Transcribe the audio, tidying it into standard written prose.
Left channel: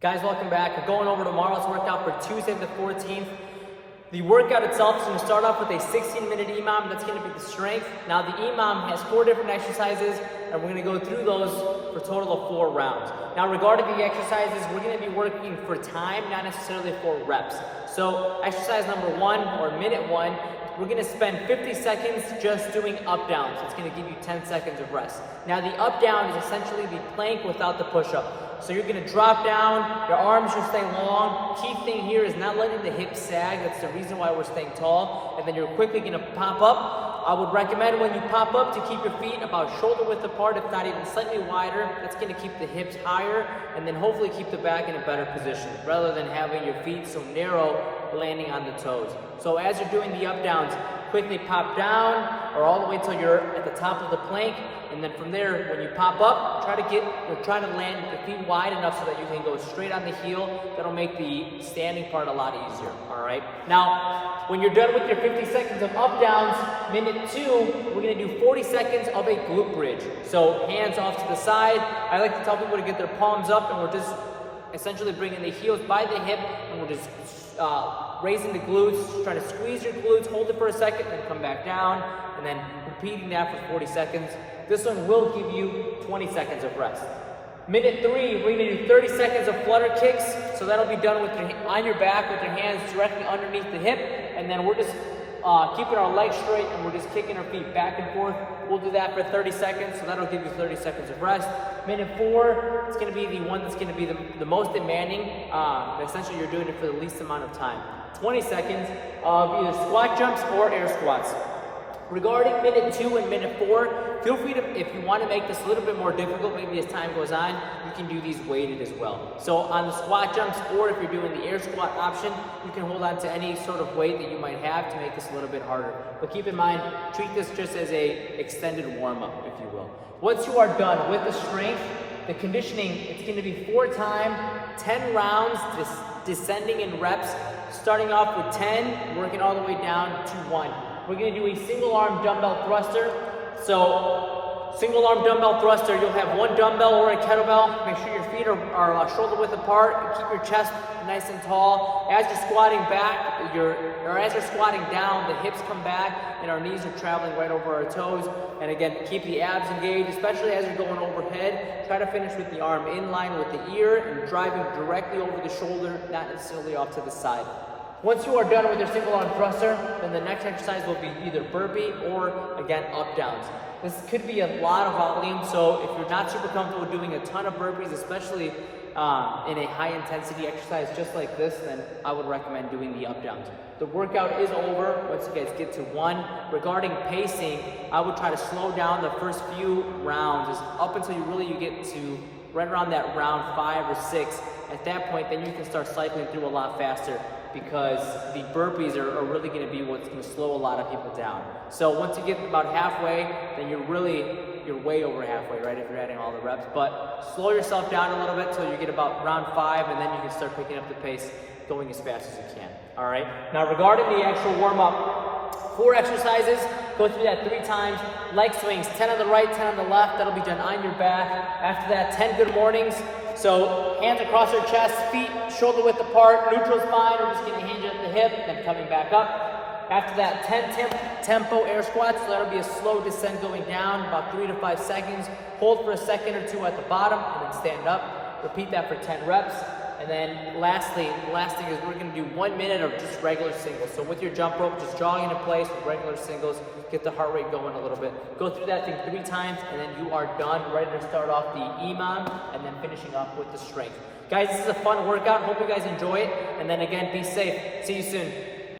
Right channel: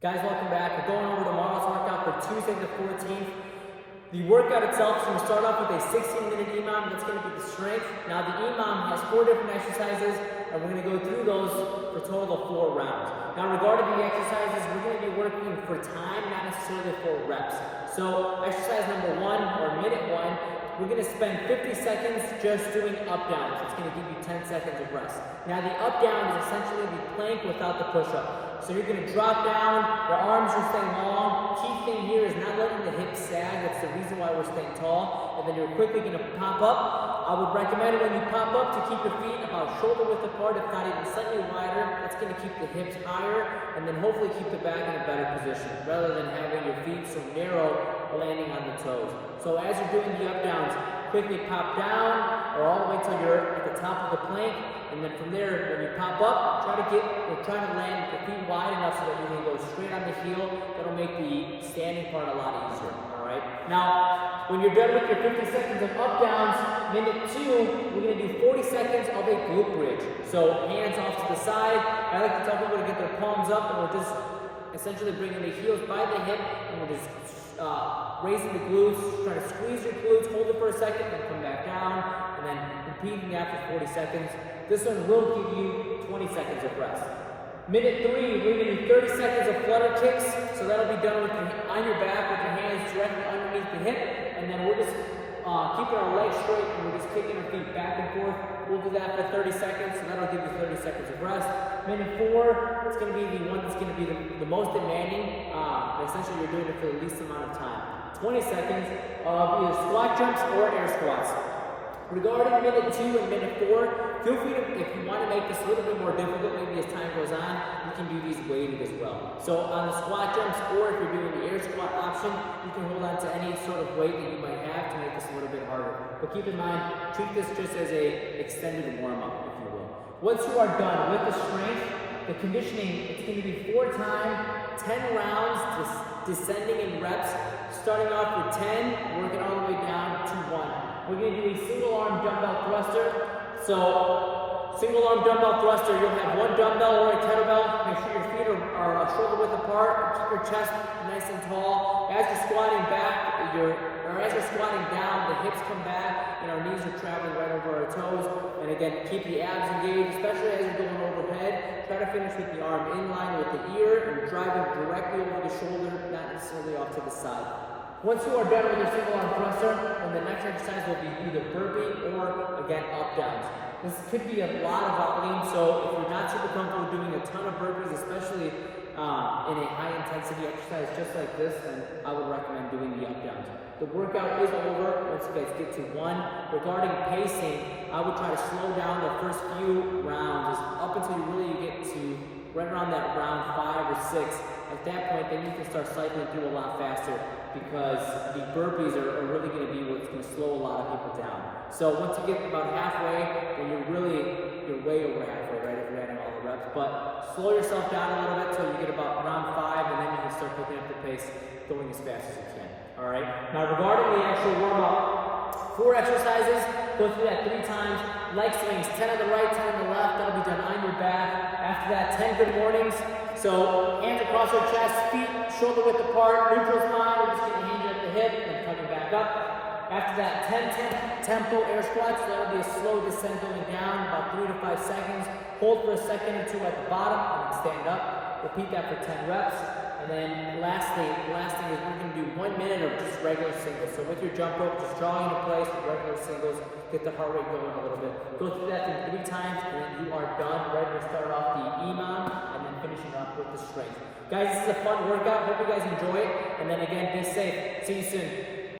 Guys, welcome back. We're going over tomorrow's workout for Tuesday the 14th. The workout itself is going to start off with a 16-minute EMOM. That's going to be the strength. Now, the EMOM has 4 different exercises, and we're going to go through those for a total of 4 rounds. Now, regarding the exercises, we're going to be working for time, not necessarily for reps. So, exercise number 1, or minute 1, we're going to spend 50 seconds just doing up-downs. It's going to give you 10 seconds of rest. Now, the up-down is essentially the plank without the push-up. So you're going to drop down, your arms should stay long. Key thing here is not letting the hips sag. That's the reason why we're staying tall. And then you're quickly going to pop up. I would recommend when you pop up to keep your feet about shoulder width apart, if not even slightly wider. That's going to keep the hips higher and then hopefully keep the back in a better position rather than having your feet so narrow landing on the toes. So as you're doing the up downs, quickly pop down or all the way till you're at the top of the plank, and then from there, when you pop up, try to land with your feet wide enough so that you can go straight on the heel. That'll make the standing part a lot easier, all right? Now, when you're done with your 50 seconds of up downs, minute 2, we're gonna do 40 seconds of a glute bridge. So hands off to the side. I like to tell people to get their palms up, and we're just essentially bringing the heels by the hip, and we're just raising the glutes, trying to squeeze your glutes, hold it for a second, then come back down, and then repeating that for 40 seconds. This one will give you 20 seconds of rest. Minute 3, we're gonna do 30 seconds of flutter kicks. So that'll be done with on your back with your hands directly underneath the hip, and then we're just keeping our legs straight, and we're just kicking our feet back and forth. We'll do that for 30 seconds, so that'll give you 30 seconds of rest. Minute 4, it's gonna be the one that's gonna be the most demanding. Essentially, you're doing it for the least amount of time. 20 seconds of either squat jumps or air squats. Regarding minute 2 and minute 4, feel free to, if you want to make this a little bit more difficult, maybe as time goes on, you can do these weighted as well. So on the squat jumps, or if you're doing the air squat option, you can hold on to any sort of weight that you might have to make this a little bit harder. But keep in mind, treat this just as a extended warm-up, if you will. Once you are done with the strength, the conditioning, it's going to be 4 times, 10 rounds, descending in reps, starting off with 10, working all the way down to 1. We're going to do a single arm dumbbell thruster. So single arm dumbbell thruster, you'll have 1 dumbbell or a kettlebell. Make sure your feet are shoulder width apart. Keep your chest nice and tall. As you're squatting back, as you're squatting down, the hips come back and our knees are traveling right over our toes. And again, keep the abs engaged, especially as you're going overhead. Try to finish with the arm in line with the ear and driving directly over the shoulder, not necessarily off to the side. Once you are done with your single arm thruster, then the next exercise will be either burpee or, again, up downs. This could be a lot of volume, so if you're not super comfortable doing a ton of burpees, especially in a high intensity exercise just like this, then I would recommend doing the up downs. The workout is over once you guys get to 1. Regarding pacing, I would try to slow down the first few rounds up until you get to right around that round 5 or 6. At that point, then you can start cycling through a lot faster, because the burpees are really going to be what's going to slow a lot of people down. So once you get about halfway, then you're way over halfway, right, if you're adding all the reps. But slow yourself down a little bit till you get about round 5, and then you can start picking up the pace, going as fast as you can. All right. Now regarding the actual warm-up, 4 exercises. Go through that 3 times. Leg swings, 10 on the right, 10 on the left. That'll be done on your back. After that, 10 good mornings. So hands across our chest, feet shoulder width apart, neutral spine. We're just getting a hinge at the hip and coming back up. After that, 10 tempo air squats. So that'll be a slow descent going down, about 3 to 5 seconds. Hold for a second or 2 at the bottom, and then stand up. Repeat that for 10 reps. And then lastly, the last thing is we're going to do 1 minute of just regular singles. So with your jump rope, just drawing into place with regular singles, get the heart rate going a little bit. Go through that thing 3 times, and then you are done, ready to start off the EMOM, and then finishing up with the strength. Guys, this is a fun workout. Hope you guys enjoy it. And then again, be safe. See you soon.